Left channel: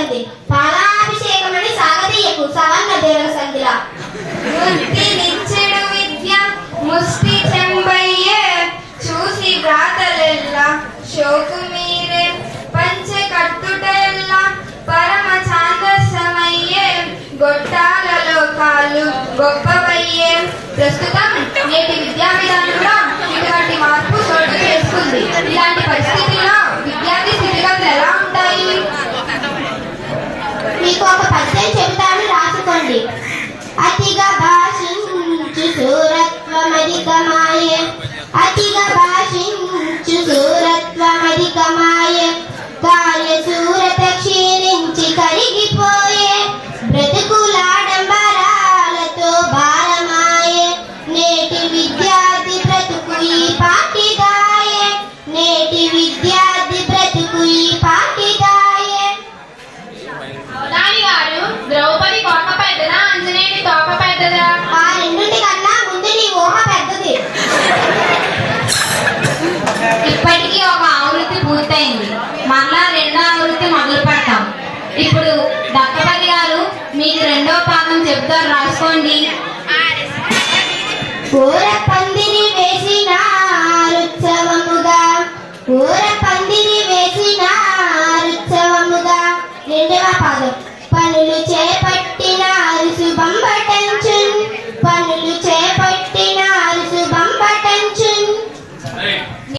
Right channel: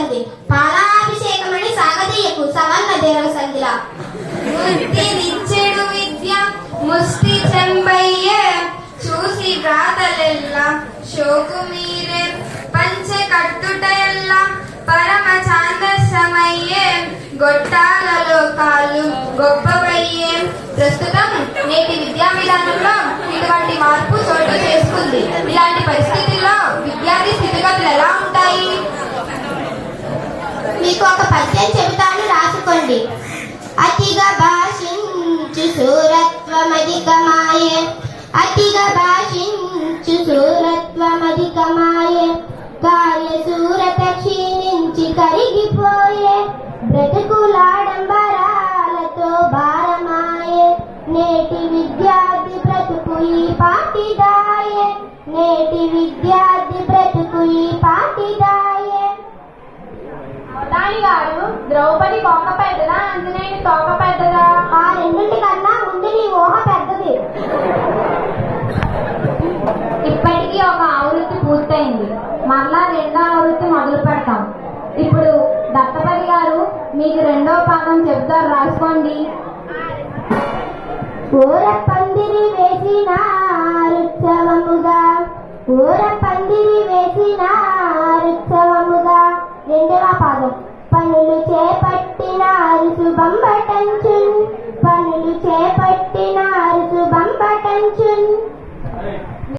సంధి పాలాభిషేకమని సాగదీయకు సవన్న దేవల సంధిలా ముక్తినిచ్చెడు విద్య ముష్టి చెంబయ్యే చూసి వ్రాతలెల్లా శోకు మీరే పంచ కట్టుటెల్లా పరమ ఛాందసమయ్యే గొట్టాలలో కాళ్ళు గొప్పవయ్యే. ప్రస్తుతం నేటి విద్యా విధానంలో ఇటువంటి మార్పు చోటు చేసుకుంది. ఇలాంటి పరిస్థితుల్లో విద్యార్థి స్థితిగతులు ఎలా ఉంటాయి? మీకు ఒక పద్యం చెబుతాను, రాసుకోండి. అతిగా భాషించు శూరత్వమధికమాయే, అతిగా భాషించు శూరత్వమధికమాయే, కార్యశూరత క్షీణించి కరిగిపోయే, బ్రతుకులాడంబరాలతో భారమాయే. నేటి విద్యార్థి బ్రతుకు ఈ పాటిదాయే, నేటి విద్యార్థి బ్రతుకు ఈ పాటిదాయే. అవధాని గారు, ద్రౌపది కోట పెద్దదా, ఆంజనేయుని తోక పెద్దదా? ఆ రెండింటి కన్నా ముందు నీ ఊహ పెద్దది. ఇప్పటికీ ఒక ఆవృత్తి పూర్తయింది, మరలా రెండో ఆవృత్తి మొదలు పెడతాం. ఇప్పుడు దత్తపతి గారు మీకు రెండో పాదం చెప్తారు, రాసుకోండి. ఊర పందిరి వేసిన రుత్సవముగా, ఊర పందిరి వేసిన రుత్సవముగా. రెండవ పాదం పనులు చేప